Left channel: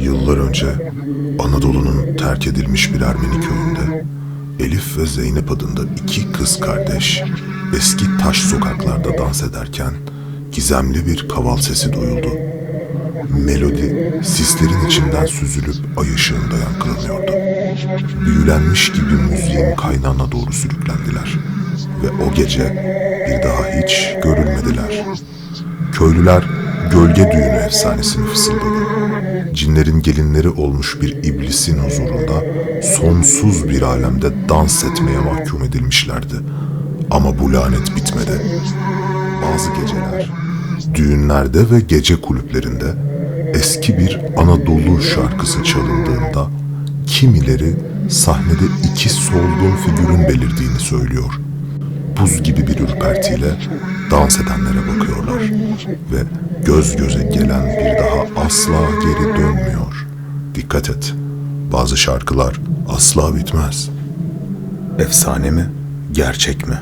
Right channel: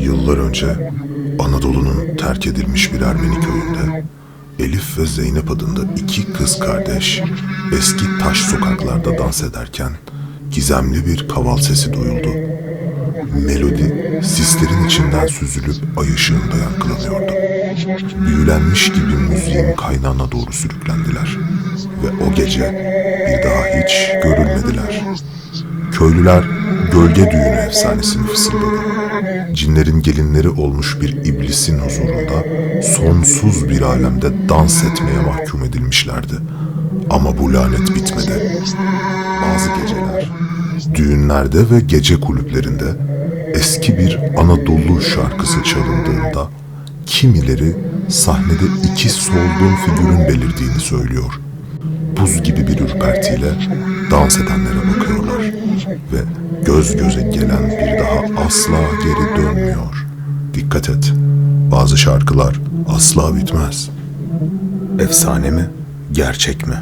Yıllar önce Anadolu'nun terk edilmiş bir Ermeni köyünde Elif ve Zeynep adında iki kız kardeş eski taş sokaklarda dans ederken gizemli bir kaval sesi duyuldu. Melodi sislerin içinden süzülüp ay ışığında yankılanıyordu. Büyülenmiş gibi müziğin kaynağına doğru sürüklendiler. Ve o gece bir daha hiç görülmediler. Köylüler gölge düğünü efsanesini fısıldadı. Cinlerin gelinleri olmuş bir iblisin huzurunda sonsuz bir alemde dans etmeye mahkum edilmişlerdi. Ama bu lanet bitmedi. Bazı geceler, düğünlerde ve gece kulüplerinde eski bir Anadolu şarkısı çalındığında kimileri sahnede iki solgun figürün belirdiğini söylüyor. Buz gibi bir ürpertiyle dans edenlere bakıyorlar göz göze gelen bir daha asla geri dönmüyor. Dikkat et, bazı şarkılar asla bitmez. Efsane mi, gerçek mi?